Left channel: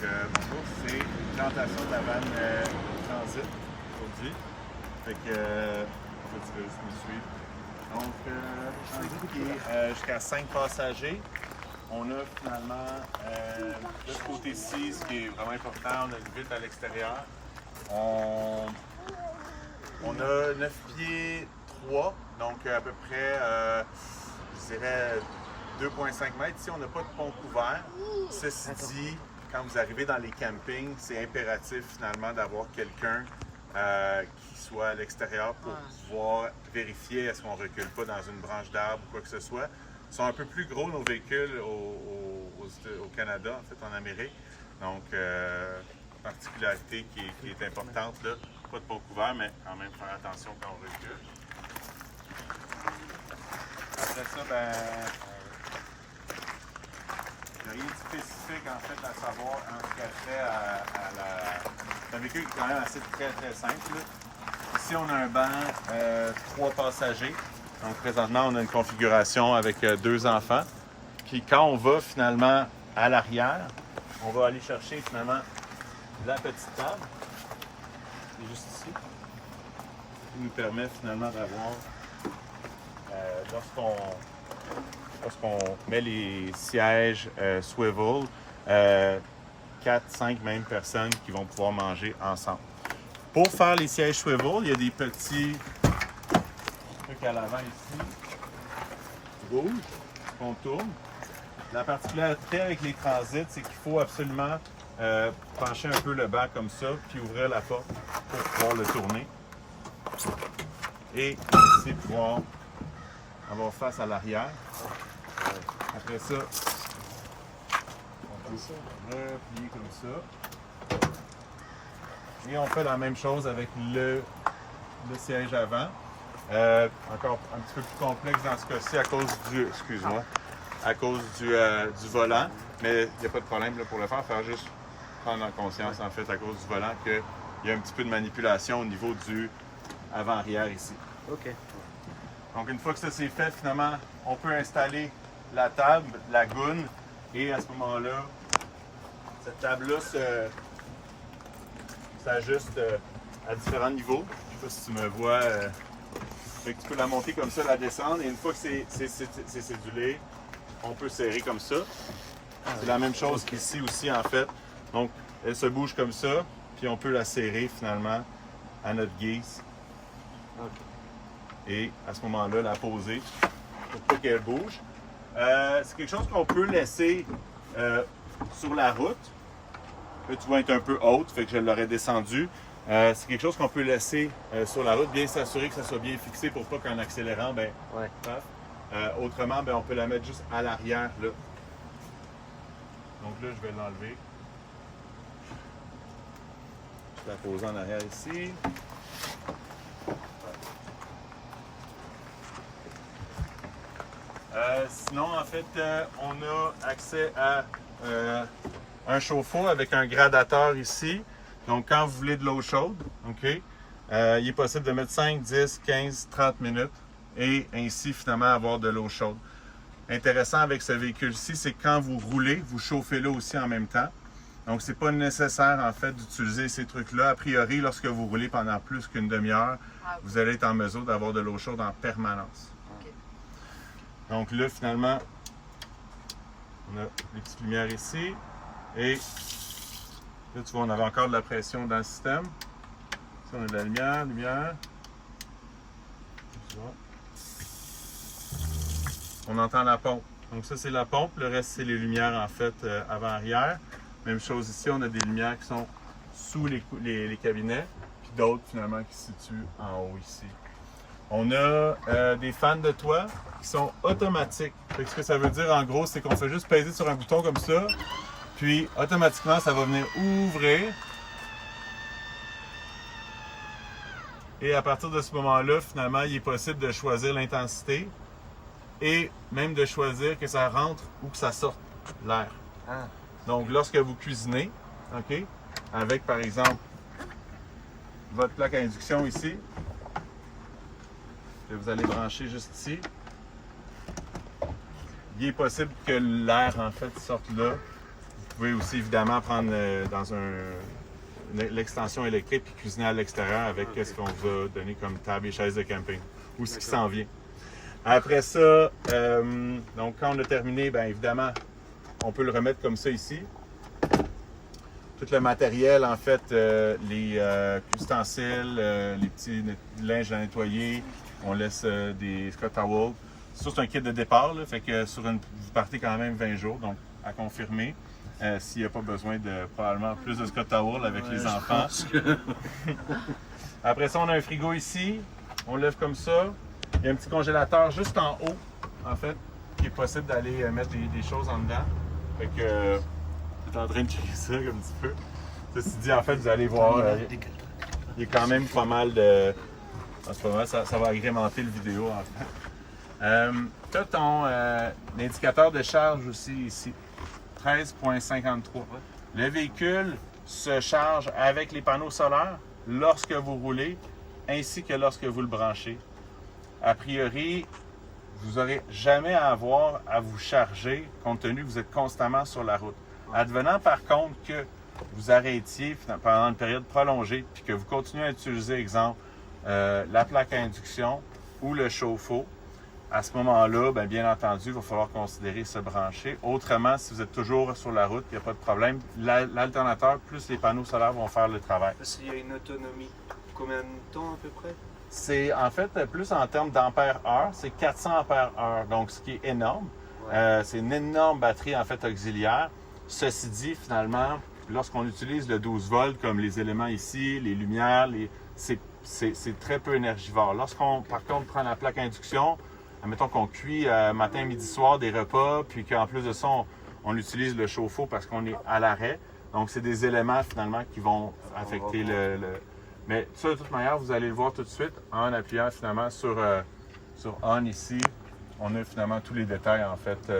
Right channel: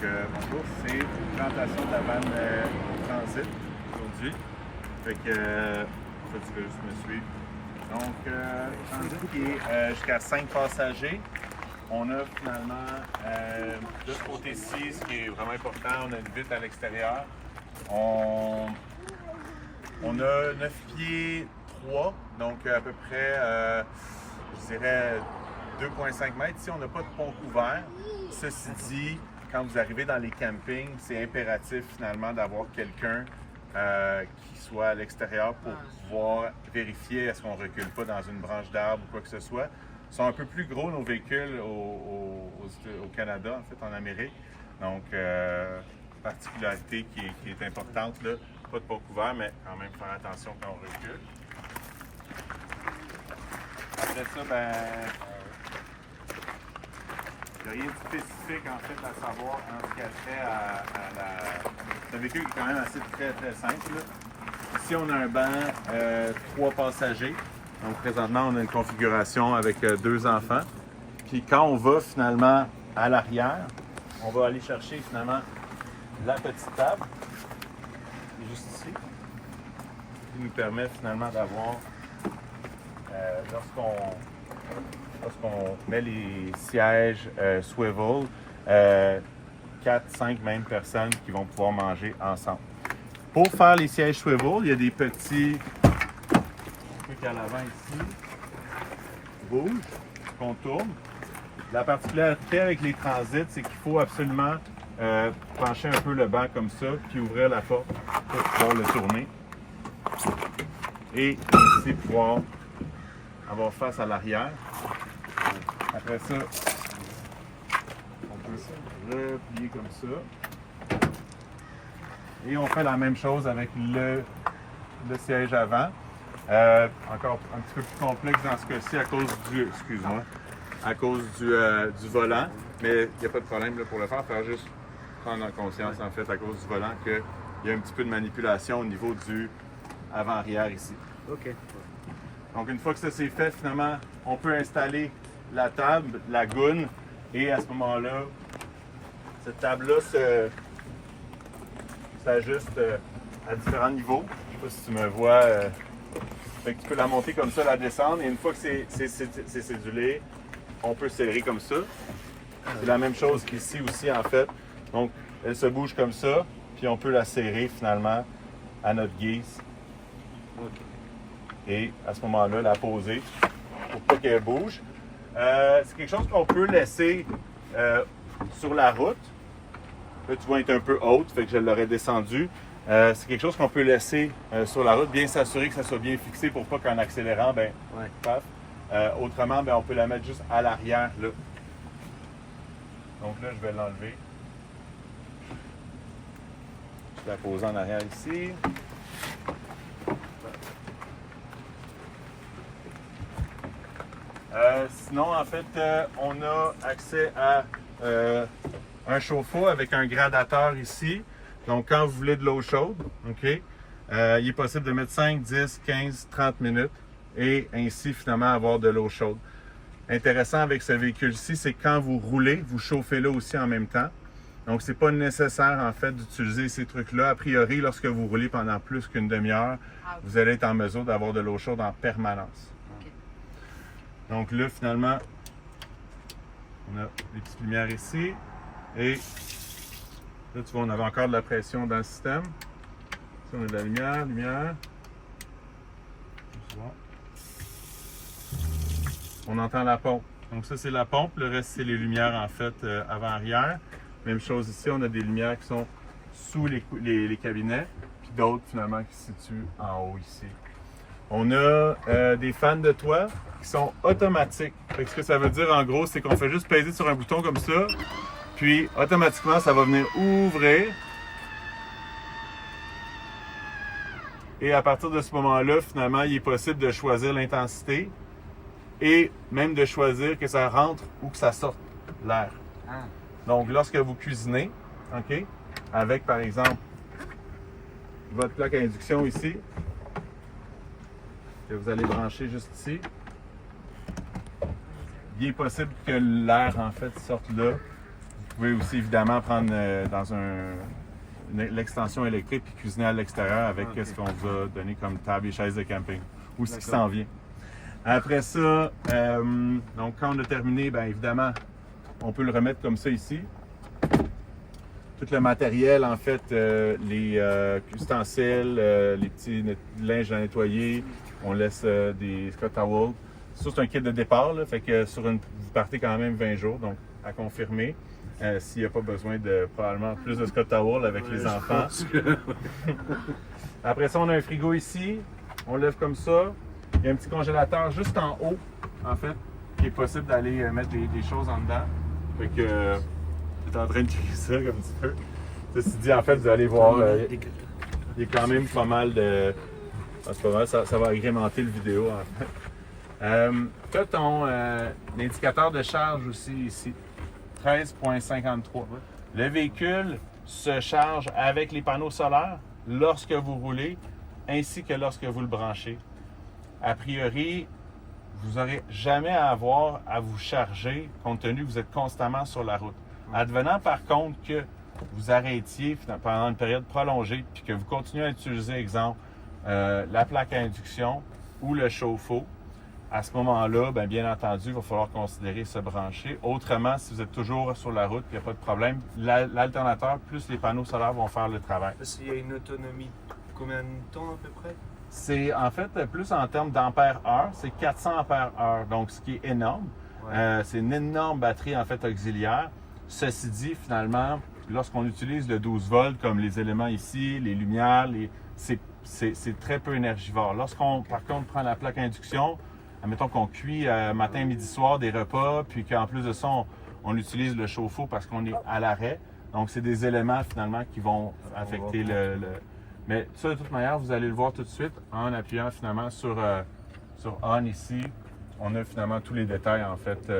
Bonjour, c'est présentation de la vanne Transit aujourd'hui. Fait que, en fait, tu veux juste me suivre. Donc, Transit qui est jusqu'à 5 passagers. On a finalement, de ce côté-ci, ce qui est vraiment important, on a une vitre à l'extérieur. On a 9 pieds 3, donc à peu près, je dirais, 2,5 mètres. Ici, on n'a pas de pont couvert. Ceci dit, quand vous arrivez dans les campings, c'est impératif finalement d'avoir quelqu'un qui soit à l'extérieur pour pouvoir vérifier est-ce qu'on ne recule pas dans une branche d'arbre ou quoi que ce soit. Ils sont un peu plus gros, nos véhicules, au Canada, en fait, en Amérique. Donc, particularité qui est importante, là, pas de pont couvert, mais quand même faire attention quand on recule. Après ça, ben, il n'y a rien de spécifique en fait à savoir en ce qu'elle fait à la. C'est un véhicule qui est quand même assez très simple. Là. Ici, on a un banc 3 passagers. Donc présentement, on a une configuration avec 2 enfants. Puis quand on va finalement à l'arrière, on va aller chercher finalement la petite table, qui est juste ici, qui nous permet finalement d'avoir, lorsqu'on met les sièges swivel, 4-5 mêmes personnes qui vont pouvoir manger ensemble. Pour faire les sièges swivel, il y a des petits trucs à l'avant ici, rouges, qu'on tourne. La particularité avec les transits, c'est qu'il faut absolument pencher un peu le banc comme ça, puis ouvrir la porte pour pouvoir le tourner. Et ici, pouvoir avoir face à l'arrière. Après ça, on peut se replier comme ça. Et on fait la même chose avec le siège avant. Encore un petit peu plus complexe dans ce cas-ci à cause du, excuse-moi, à cause du volant. Mais il n'y a pas de problème là, pour le faire. Faire juste prendre en conscience, en fait, à cause du volant, qu'il y a un petit peu de manipulation au niveau du avant-arrière ici. OK. Donc, une fois que ça c'est fait, finalement, on peut installer la table, la goune, et à ce moment-là, cette table-là s'ajuste à différents niveaux. Je ne sais pas si tu me vois. Fait que tu peux la monter comme ça, la descendre, et une fois que c'est cédulé, on peut serrer comme ça. C'est la même chose qu'ici aussi, en fait. Donc, elle se bouge comme ça, puis on peut la serrer finalement à notre guise. OK. Et à ce moment-là, la poser pour pas qu'elle bouge. C'est quelque chose qu'on peut laisser sur la route. Là, tu vois, elle est un peu haute, fait que je l'aurais descendu. C'est quelque chose qu'on peut laisser sur la route, bien s'assurer que ça soit bien fixé pour pas qu'en accélérant, ben, paf. Autrement, ben, on peut la mettre juste à l'arrière, là. Donc là, je vais l'enlever. Je vais la poser en arrière ici. Sinon, en fait, on a accès à un chauffe-eau avec un gradateur ici. Donc, quand vous voulez de l'eau chaude, OK, il est possible de mettre 5, 10, 15, 30 minutes et ainsi, finalement, avoir de l'eau chaude. Intéressant avec ce véhicule-ci, c'est que quand vous roulez, vous chauffez là aussi en même temps. Donc, c'est pas nécessaire, en fait, d'utiliser ces trucs-là. A priori, lorsque vous roulez pendant plus qu'une demi-heure, vous allez être en mesure d'avoir de l'eau chaude en permanence. Donc là, finalement, on a des petites lumières ici. Et là, tu vois, on avait encore de la pression dans le système. Ici, on a de la lumière. On entend la pompe. Donc ça, c'est la pompe. Le reste, c'est les lumières, en fait, avant-arrière. Même chose ici, on a des lumières qui sont sous les cabinets. Puis d'autres, finalement, qui se situent en haut ici. On a des fans de toit qui sont automatiques. Fait que ce que ça veut dire en gros, c'est qu'on fait juste peser sur un bouton comme ça, puis automatiquement ça va venir ouvrir. Et à partir de ce moment-là, finalement, il est possible de choisir l'intensité et même de choisir que ça rentre ou que ça sorte l'air. Donc lorsque vous cuisinez, OK, avec par exemple votre plaque à induction ici, que vous allez brancher juste ici. Il est possible que l'air, en fait, sorte là. Vous Vous pouvez aussi évidemment prendre dans l'extension électrique puis cuisiner à l'extérieur avec ce qu'on vous a donné comme table et chaise de camping ou ce qui s'en vient. Après ça, donc quand on a terminé, bien évidemment, on peut le remettre comme ça ici. Tout le matériel, en fait, les ustensiles, les petits linges à nettoyer, on laisse des Scott Towels. Ça, c'est un kit de départ, là, fait que vous partez quand même 20 jours, donc à confirmer. S'il n'y a pas besoin de probablement plus de Scott Towels avec les enfants. Après ça, on a un frigo ici, on lève comme ça. Il y a un petit congélateur juste en haut, en fait, qui est possible d'aller mettre des choses en dedans. Fait que j'étais en train de checker ça comme tu peux. Ceci dit, en fait, vous allez voir, il y a quand même pas mal de... En ce moment, ça va agrémenter le vidéo, en fait. Tu as ton indicateur de charge aussi ici, 13,53. Le véhicule se charge avec les panneaux solaires lorsque vous roulez, ainsi que lorsque vous le branchez. A priori, vous n'aurez jamais à avoir à vous charger compte tenu que vous êtes constamment sur la route. Advenant par contre que vous arrêtiez pendant une période prolongée puis que vous continuez à utiliser, exemple, la plaque à induction ou le chauffe-eau, à ce moment-là, bien entendu, il va falloir considérer se brancher. Autrement, si vous êtes toujours sur la route, il n'y a pas de problème. L'alternateur plus les panneaux solaires vont faire le travail. Il y a une autonomie, combien de temps à peu près? C'est en fait plus en termes d'ampères-heure, c'est 400 ampères-heure, donc ce qui est énorme. Ouais. C'est une énorme batterie en fait auxiliaire. Ceci dit, finalement, lorsqu'on utilise le 12 volts comme les éléments ici, les lumières, c'est très peu énergivore. Lorsqu'on, par contre, prend la plaque induction, admettons qu'on cuit matin, midi, soir des repas, puis qu'en plus de ça, on utilise le chauffe-eau parce qu'on est à l'arrêt. Donc, c'est des éléments finalement qui vont affecter le... Mais ça, de toute manière, vous allez le voir tout de suite en appuyant finalement sur On ici. On a finalement tous les détails en fait.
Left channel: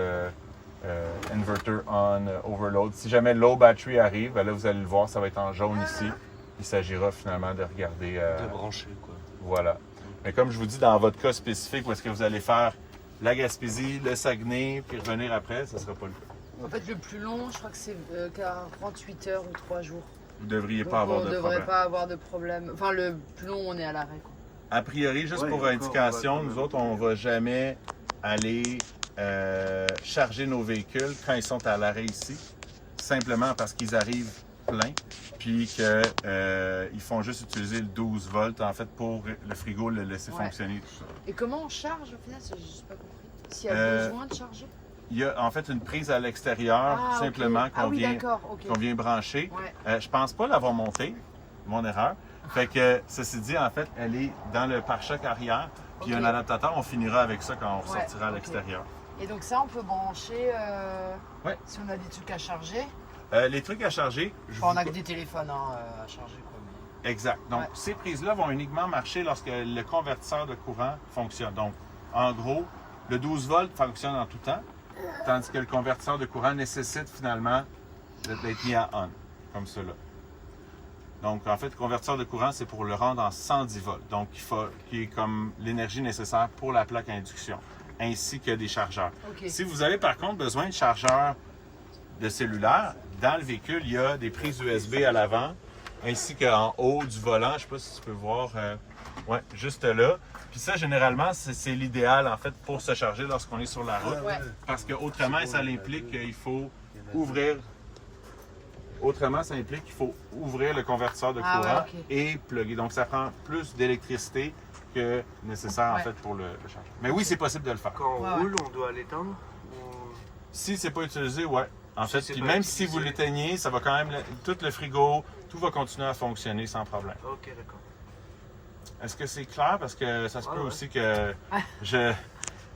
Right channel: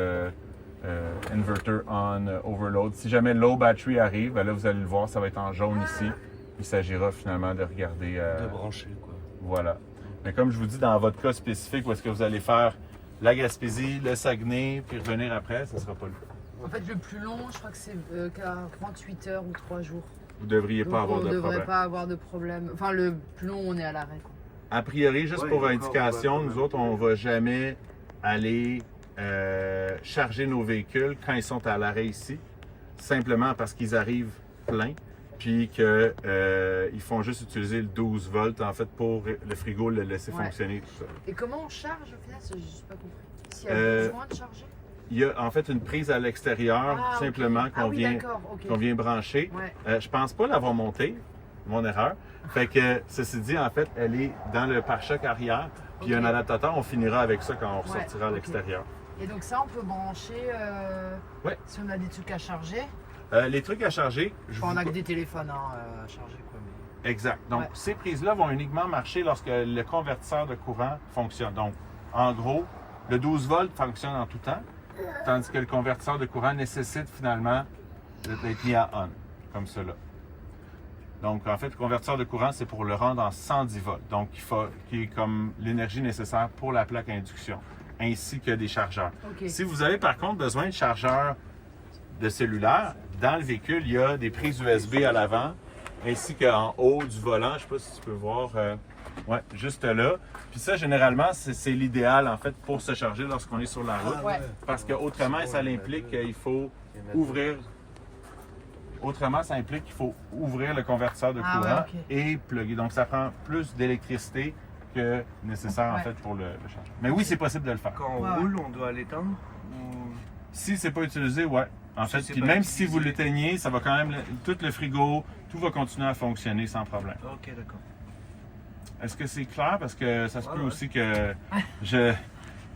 Inverter on, overload. Si jamais low battery arrive, là vous allez le voir, ça va être en jaune ici. Il s'agira finalement de regarder. De brancher quoi. Voilà. Mais comme je vous dis, dans votre cas spécifique, où est-ce que vous allez faire la Gaspésie, le Saguenay, puis revenir après, ça ne sera pas le cas. En fait, le plus long, je crois que c'est 48 heures ou 3 jours. Vous ne devriez pas avoir de problème. On ne devrait pas avoir de problème. Enfin, le plus long, on est à l'arrêt. A priori, juste pour indication, nous autres, on ne va jamais aller charger nos véhicules quand ils sont à l'arrêt ici, simplement parce qu'ils arrivent pleins, puis qu'ils font juste utiliser le 12 volts, en fait, pour le frigo le laisser fonctionner, tout ça. Et comment on charge, au final, je n'ai pas compris. S'il y a besoin de charger? Il y a en fait une prise à l'extérieur, simplement, qu'on vient brancher. Ouais. Je pense pas l'avoir montée, mon erreur. Fait que, ceci dit, en fait, elle est dans le pare-choc arrière, puis il y a un adaptateur, on finira avec ça quand on ressortira à l'extérieur. Et donc ça, on peut brancher si on a des trucs à charger? Les trucs à charger... On a que des téléphones à charger. Quoi. Exact. Donc, ces prises-là vont uniquement marcher lorsque le convertisseur de courant fonctionne. Donc, en gros, le 12 volts fonctionne en tout temps, tandis que le convertisseur de courant nécessite finalement d'être mis à on, comme cela. Donc, en fait, le convertisseur de courant, c'est pour le rendre en 110 volts, donc qui est comme l'énergie nécessaire pour la plaque à induction, ainsi que des chargeurs. Okay. Si vous avez par contre besoin de chargeurs de cellulaire, dans le véhicule, il y a des prises USB à l'avant, ainsi qu'en haut du volant, je ne sais pas si tu peux voir, juste là. Puis ça, généralement, c'est l'idéal, en fait, pour se charger lorsqu'on est sur la route, parce qu'autrement, ça implique qu'il faut ouvrir... Autrement, ça implique qu'il faut ouvrir le convertisseur de courant et plugger. Donc, ça prend plus d'électricité que nécessaire, en fait, pour le changement. Mais oui, c'est possible de le faire. Quand on roule, on doit l'éteindre ou... Si c'est pas utilisé, en fait, puis même si vous l'éteignez, ça va quand même... Tout le frigo, tout va continuer à fonctionner sans problème. OK, d'accord. Est-ce que c'est clair? Parce que ça se peut aussi que j'ai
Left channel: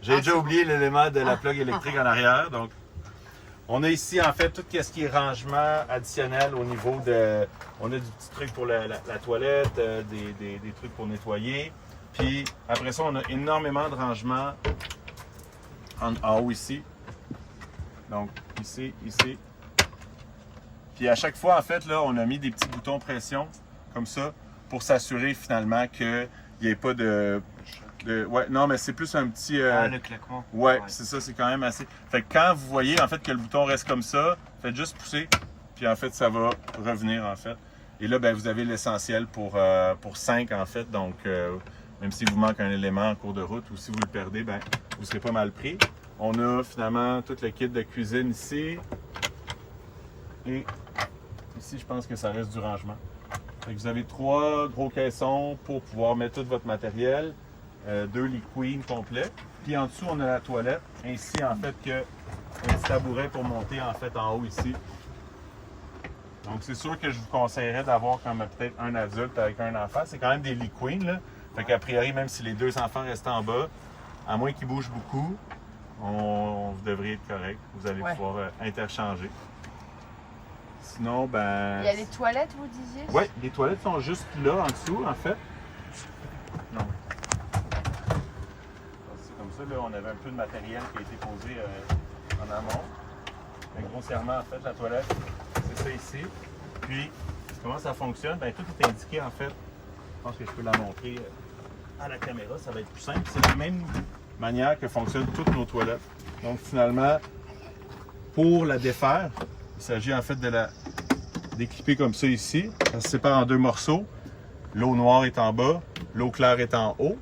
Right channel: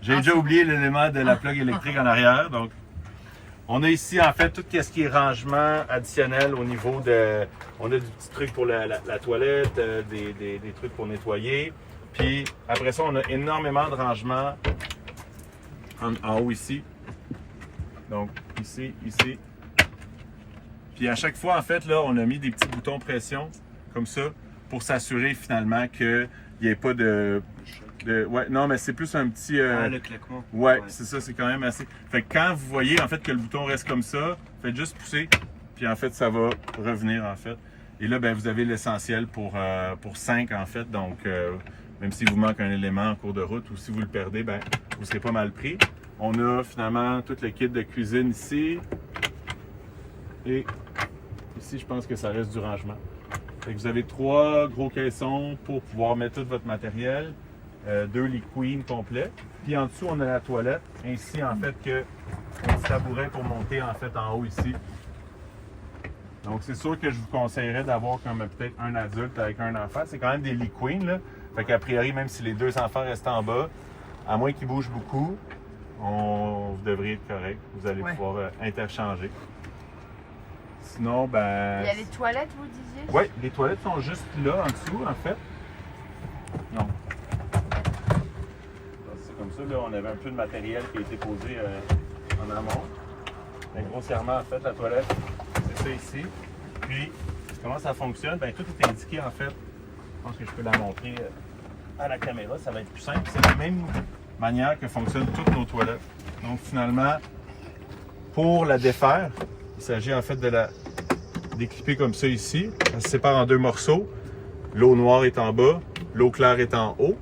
déjà oublié l'élément de la plug électrique en arrière, donc... On a ici, en fait, tout ce qui est rangement additionnel au niveau de... On a des petits trucs pour la toilette, des trucs pour nettoyer. Puis, après ça, on a énormément de rangements en haut ici. Donc, ici. Puis, à chaque fois, en fait, là, on a mis des petits boutons pression, comme ça, pour s'assurer, finalement, qu'il n'y ait pas de Ouais, non, mais c'est plus un petit. Ah, le claquement. Ouais, c'est ça, c'est quand même assez. Fait que quand vous voyez en fait que le bouton reste comme ça, faites juste pousser, puis en fait ça va revenir en fait. Et là, ben, vous avez l'essentiel pour 5 en fait, donc même s'il vous manque un élément en cours de route ou si vous le perdez, ben, vous ne serez pas mal pris. On a finalement tout le kit de cuisine ici. Et ici, je pense que ça reste du rangement. Fait que vous avez 3 gros caissons pour pouvoir mettre tout votre matériel. 2 lits queen complets. Puis en dessous, on a la toilette, ainsi en fait que un petit tabouret pour monter en fait en haut ici. Donc c'est sûr que je vous conseillerais d'avoir comme peut-être un adulte avec un enfant. C'est quand même des lits queen là. Fait qu'a priori, même si les 2 enfants restent en bas, à moins qu'ils bougent beaucoup, vous devriez être correct. Vous allez pouvoir interchanger. Sinon, ben. Il y a les toilettes, vous disiez? Oui, les toilettes sont juste là en dessous en fait. Donc, c'est comme ça, là, on avait un peu de matériel qui a été posé en amont. Mais grossièrement, en fait, la toilette, c'est ça ici. Puis, comment ça fonctionne? Bien, tout est indiqué, en fait. Je pense que je peux la montrer à la caméra, ça va être plus simple. C'est la même manière que fonctionnent toutes nos toilettes. Donc, finalement, pour la défaire, il s'agit en fait de la déclipper comme ça ici. Ça se sépare en 2 morceaux. L'eau noire est en bas, l'eau claire est en haut.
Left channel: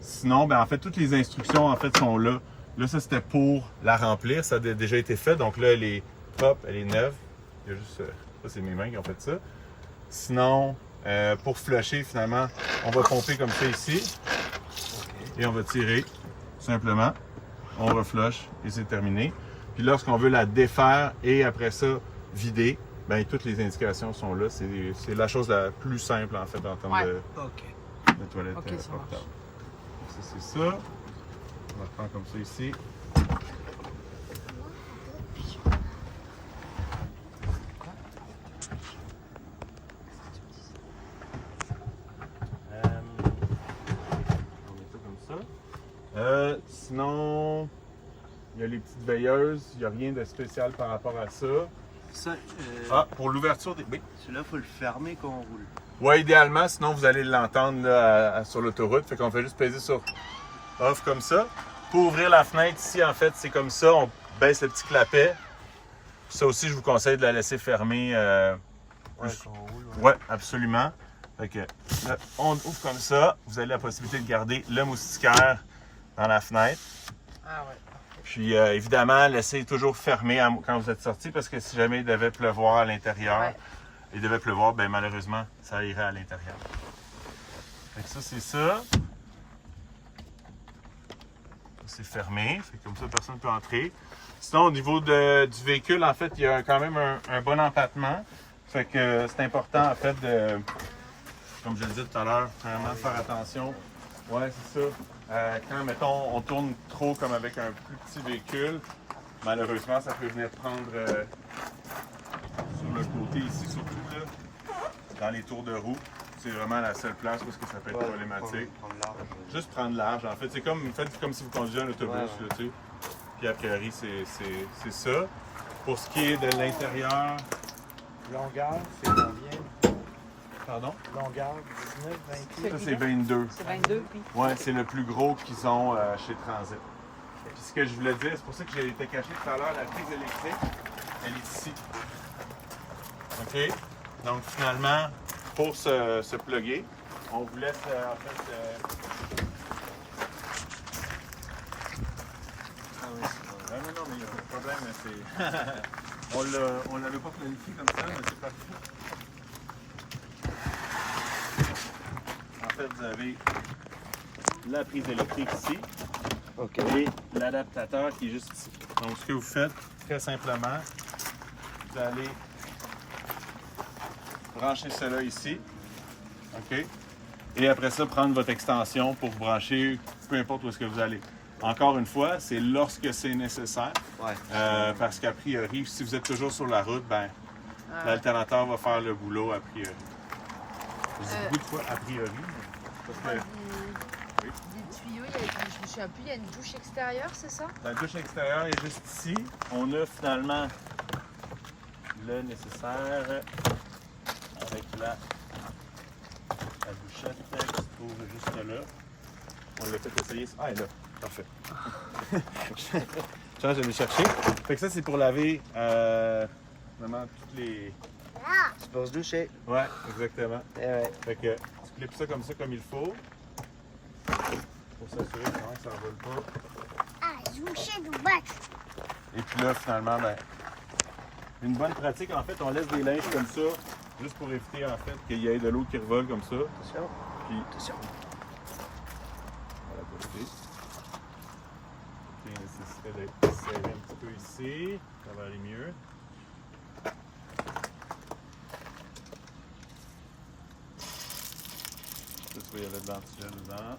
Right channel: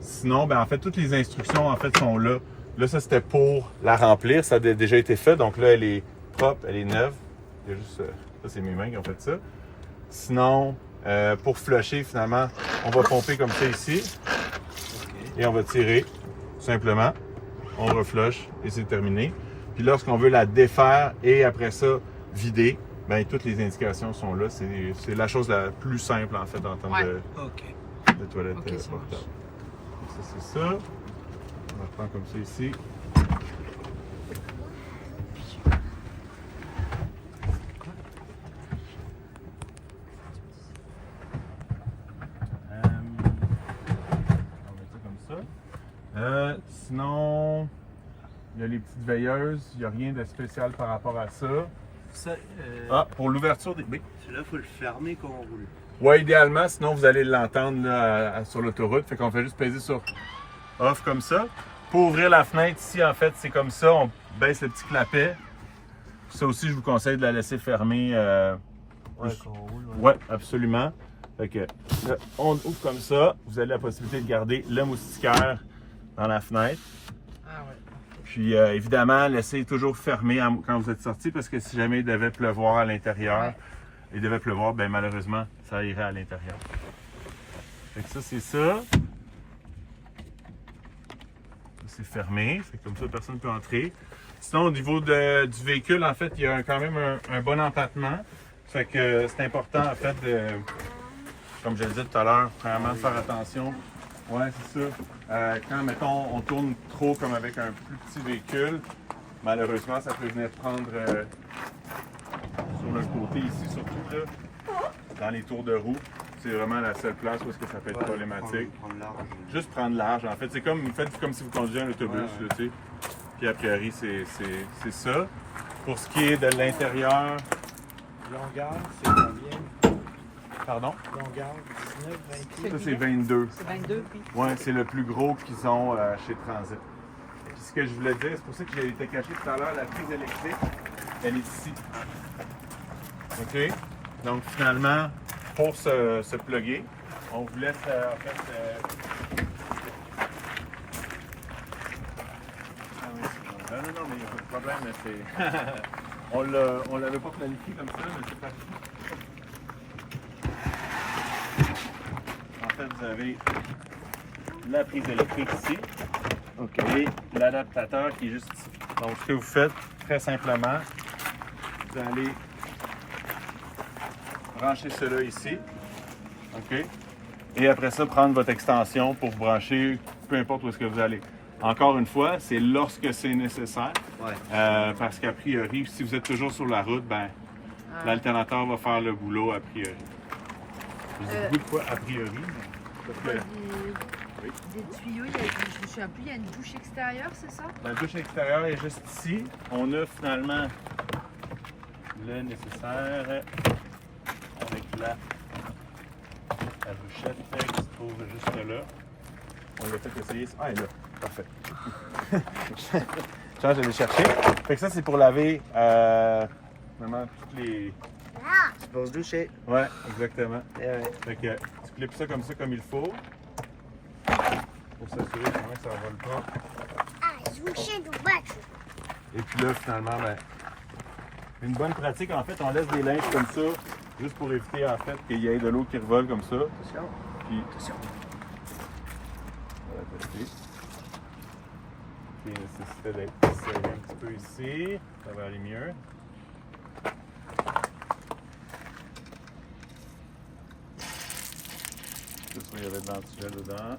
Sinon, ben, en fait, toutes les instructions en fait sont là. Là, ça c'était pour la remplir, ça a déjà été fait. Donc là, elle est propre, elle est neuve. Il y a juste ça, c'est mes mains qui ont fait ça. Sinon, pour flusher, finalement, on va pomper comme ça ici. Et on va tirer, tout simplement. On reflush et c'est terminé. Puis lorsqu'on veut la défaire et après ça, vider, bien, toutes les indications sont là. C'est la chose la plus simple, en fait, en termes de toilette portable. Ça, c'est ça. On va prendre comme ça ici. On met ça comme ça. Sinon, il y a les petites veilleuses. Il n'y a rien de spécial par rapport à ça. Ça, pour l'ouverture des... Oui. Celui-là, il faut le fermer quand on roule. Ouais, idéalement, sinon vous allez l'entendre là, sur l'autoroute. Fait qu'on fait juste peser sur off comme ça. Pour ouvrir la fenêtre ici, en fait, c'est comme ça. On baisse le petit clapet. Ça aussi, je vous conseille de la laisser fermer. Ouais, absolument. Fait que là, on ouvre comme ça. Vous avez la possibilité de garder le moustiquaire dans la fenêtre. Puis évidemment, laissez toujours fermé quand vous êtes sorti parce que si jamais il devait pleuvoir à l'intérieur, il devait pleuvoir, bien malheureusement, ça irait à l'intérieur. Fait que ça, c'est ça. C'est fermé, fait que comme ça, personne ne peut entrer. Sinon, au niveau du véhicule, en fait, il y a quand même un bon empattement. Fait que c'est important, en fait, comme je le disais tout à l'heure, vraiment de faire attention. Ouais, c'est ça. Quand, mettons, on tourne trop comme avec un plus petit véhicule, malheureusement, ça peut venir prendre sur le côté ici, surtout là, dans les tours de roue. C'est vraiment la seule place où ça peut être problématique. Juste prendre large, en fait. C'est comme, faites comme si vous conduisiez un autobus, là, tu sais. Puis a priori, c'est ça. Pour ce qui est de l'intérieur... Longueur, c'est combien? Pardon? Longueur, 19, 28? Ça, c'est 22. C'est 22, oui. Oui, c'est le plus gros qu'ils ont chez Transit. Puis ce que je voulais dire, c'est pour ça que j'ai été caché tout à l'heure, la prise électrique, elle est ici. OK? Donc finalement, pour se plugger, on vous laisse en fait... Non, mais il n'y a pas de problème, mais c'est... on l'avait pas planifié comme ça, mais c'est parti. En fait, vous avez la prise électrique ici. Et l'adaptateur qui est juste ici. Donc, ce que vous faites, très simplement, vous allez brancher cela ici. OK? Et après ça, prendre votre extension pour brancher peu importe où est-ce que vous allez. Encore une fois, c'est lorsque c'est nécessaire. Parce qu'a priori, si vous êtes toujours sur la route, ben, l'alternateur va faire le boulot a priori. Je dis beaucoup de fois a priori, mais parce que... Des tuyaux, je ne sais plus, il y a une douche extérieure, c'est ça? La douche extérieure est juste ici. On a finalement le nécessaire avec la douchette extra. trouve juste là. On l'a fait essayer. Ah, elle est là. Parfait. Je change de les chercher. Fait que ça, c'est pour laver vraiment toutes les... Tu peux se doucher. Ouais, exactement. Eh ouais. Fait que tu clips ça comme il faut. Pour s'assurer que ça ne vole pas. Et puis là, finalement, ben, une bonne pratique, en fait, on laisse des linges comme ça, juste pour éviter, en fait, qu'il y ait de l'eau qui revole comme ça. Attention. Puis, Attention. on va la tester. Il nécessitait d'être serré un petit peu ici. Ça va aller mieux. Là, tu vois, il y avait de l'antigel dedans.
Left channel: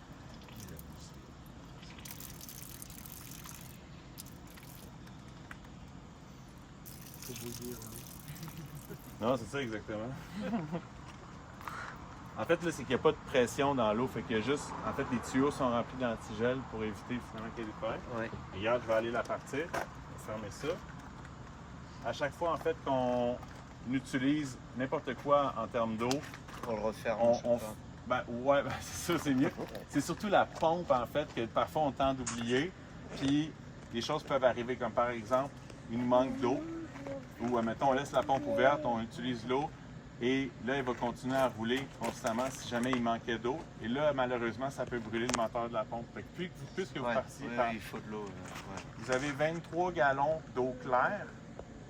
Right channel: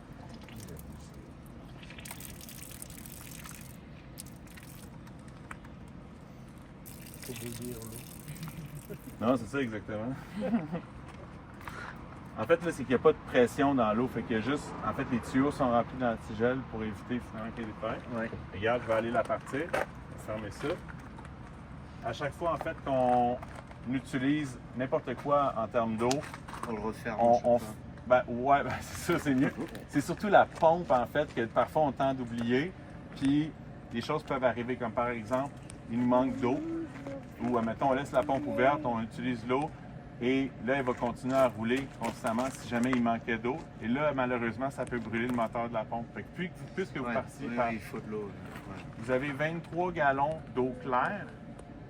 Faut bouillir l'eau. Non, c'est ça exactement. En fait, là, c'est qu'il n'y a pas de pression dans l'eau. Fait qu'il y a juste. En fait, les tuyaux sont remplis d'antigel pour éviter finalement qu'il y ait des pertes. Ouais. Regarde, je vais aller la partir. Je vais fermer ça. À chaque fois, en fait, qu'on utilise n'importe quoi en termes d'eau, On le referme. ouais, c'est ça, c'est mieux. C'est surtout la pompe, en fait, que parfois on tente d'oublier. Puis, des choses peuvent arriver, comme par exemple, il nous manque d'eau. Ou, admettons, on laisse la pompe ouverte, on utilise l'eau. Et là, elle va continuer à rouler constamment si jamais il manquait d'eau. Et là, malheureusement, ça peut brûler le moteur de la pompe. Fait que puisque vous partiez par... Il faut de l'eau. Ouais. Vous avez 23 gallons d'eau claire,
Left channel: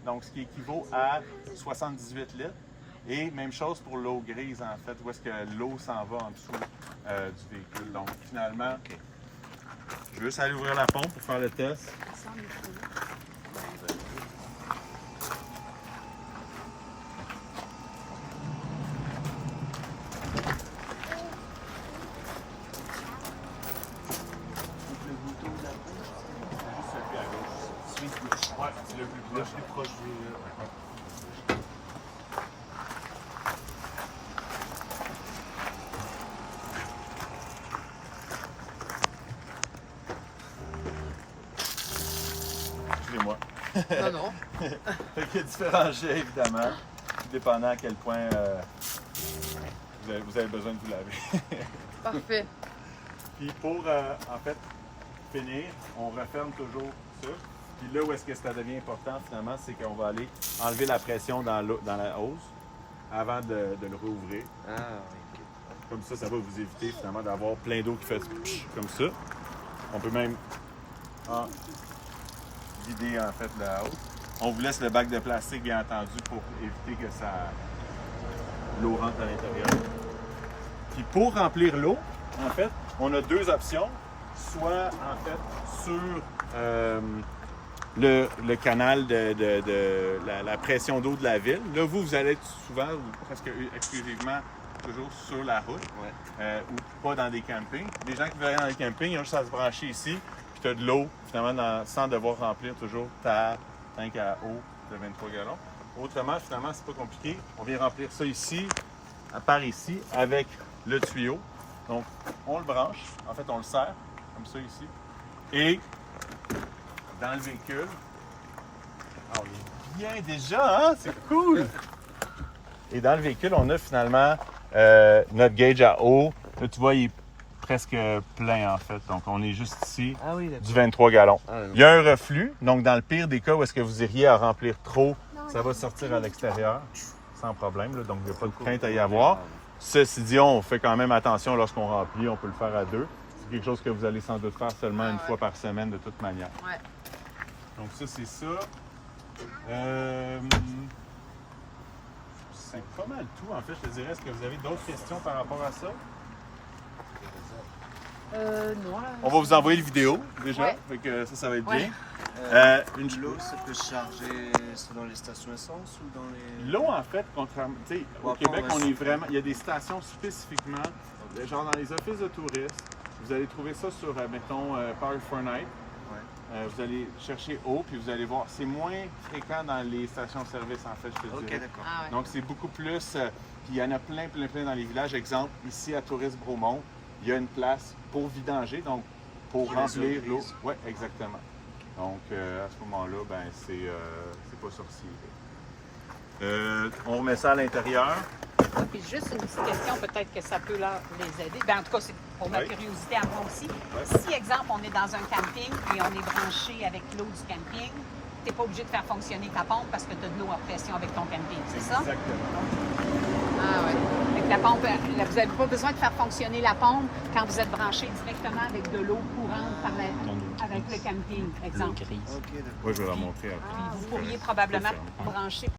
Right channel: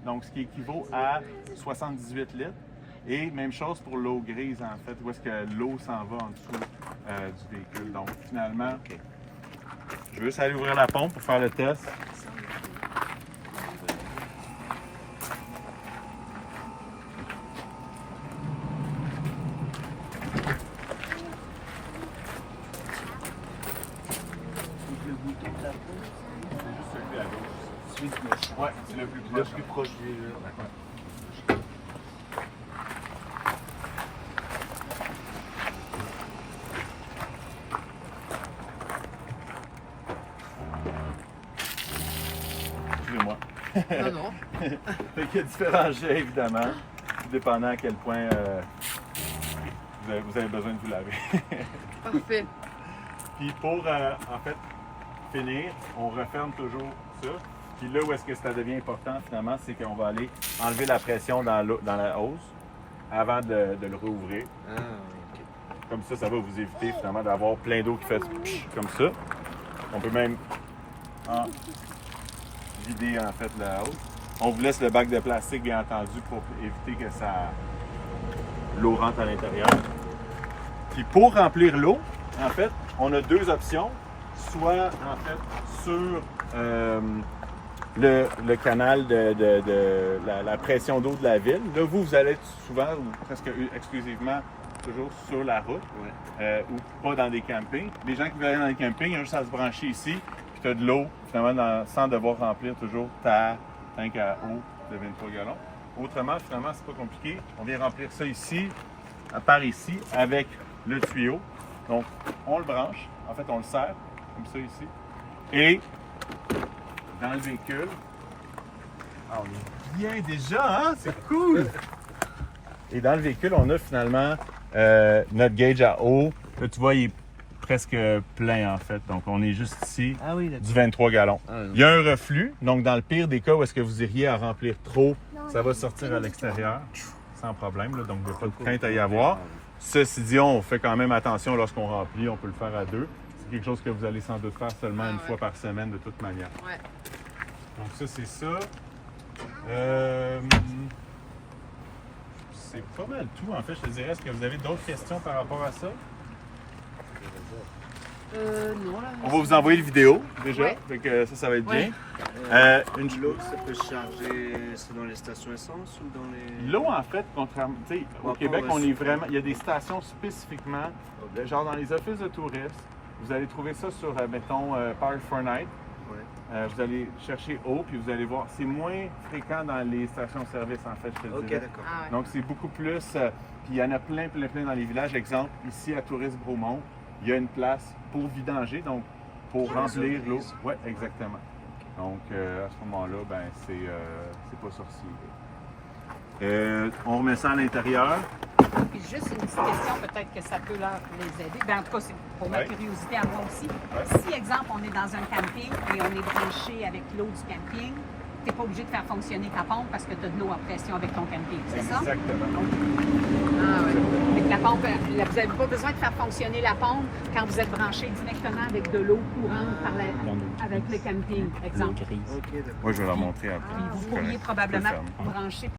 donc ce qui équivaut à 78 litres. Et même chose pour l'eau grise, en fait, où est-ce que l'eau s'en va en dessous du véhicule. Donc, finalement, je vais juste aller ouvrir la pompe pour faire le test. Le bouton de la pompe, C'est juste celui à gauche. celui de gauche. Ouais, c'est le plus Le proche. plus proche du. Ouais. Excusez-moi. Non. Fait qu'il y a différents jets, évidemment, dépendant à quel point vous avez besoin de vous laver. Parfait. Puis pour, en fait, finir, on referme toujours ça. Puis là où est-ce que ça devient important, finalement, c'est qu'on va aller enlever la pression dans la hose avant de le rouvrir. Ah, ok. Comme ça va vous éviter, finalement, d'avoir plein d'eau qui fait psh comme ça. On peut même vider, en fait, la hose. On vous laisse le bac de plastique, bien entendu, pour éviter que l'eau rentre à l'intérieur. Puis pour remplir l'eau, en fait, on a deux options. Soit, en fait, sur le canal de la pression d'eau de la ville. Là, vous allez être souvent, ou presque exclusivement, toujours sur la route, ou pas dans des campings. Les gens qui veulent aller dans les campings, ils ont juste à se brancher ici, puis tu as de l'eau, finalement, sans devoir remplir toujours ta tank à eau de 23 gallons. Autrement, finalement, c'est pas compliqué. On vient remplir ça ici, par ici, avec le tuyau. Donc, on le branche. En fait, on le serre, comme ça ici. Et dans le véhicule, on est bien déjà, hein? C'est cool! Et dans le véhicule, on a finalement notre gauge à eau. Là, tu vois, il est presque plein, en fait. Donc, on est juste ici, Ah oui, d'accord. du 23 gallons. Il y a un reflux. Donc, dans le pire des cas où est-ce que vous iriez à remplir trop, ça va sortir à l'extérieur sans problème. Là. Donc, il n'y a pas de crainte à y avoir. Ceci dit, on fait quand même attention lorsqu'on remplit. On peut le faire à deux. C'est quelque chose que vous allez sans doute faire seulement une fois par semaine de toute manière. Ouais. Donc, ça, c'est ça. C'est pas mal tout, en fait, je te dirais. Est-ce que vous avez d'autres questions par rapport à ça? Non. On va vous envoyer le vidéo, déjà. Ouais. Fait que ça va être bien. L'eau, ça peut se charger dans les stations essence ou dans les. L'eau, en fait, contrairement, tu sais, au Ouais, Québec, ouais, on c'est- est vraiment. Il y a des stations spécifiquement, genre dans les offices de touristes. Vous allez trouver ça sur, mettons, Power for Night. Ouais. Vous allez chercher eau, puis vous allez voir. C'est moins fréquent dans les stations-service, en fait, je te Ok, dirais. d'accord. Ah ouais. Donc, c'est beaucoup plus. Puis, il y en a plein dans les villages. Exemple, ici à Tourisme-Bromont, il y a une place pour vidanger, donc pour Qui remplir réserve l'eau. ici. Oui, exactement. Donc, à ce moment-là, ben c'est pas sorcier. On remet ça à l'intérieur. Puis juste une petite question, peut-être que ça peut les aider. Ben, en tout cas, c'est pour ma Oui. curiosité à moi aussi. Oui. Si, exemple, on est dans un camping et on est branché avec l'eau du camping, tu n'es pas obligé de faire fonctionner ta pompe parce que tu as de l'eau à pression avec ton camping, c'est ça? Exactement. Ah, ouais. Avec la pompe, vous n'avez pas besoin de faire fonctionner la pompe quand vous êtes branché directement avec de l'eau courante avec le camping, exemple. Ok, d'accord. Moi, je vais leur montrer après. Puis vous Je pourriez peux probablement le faire. brancher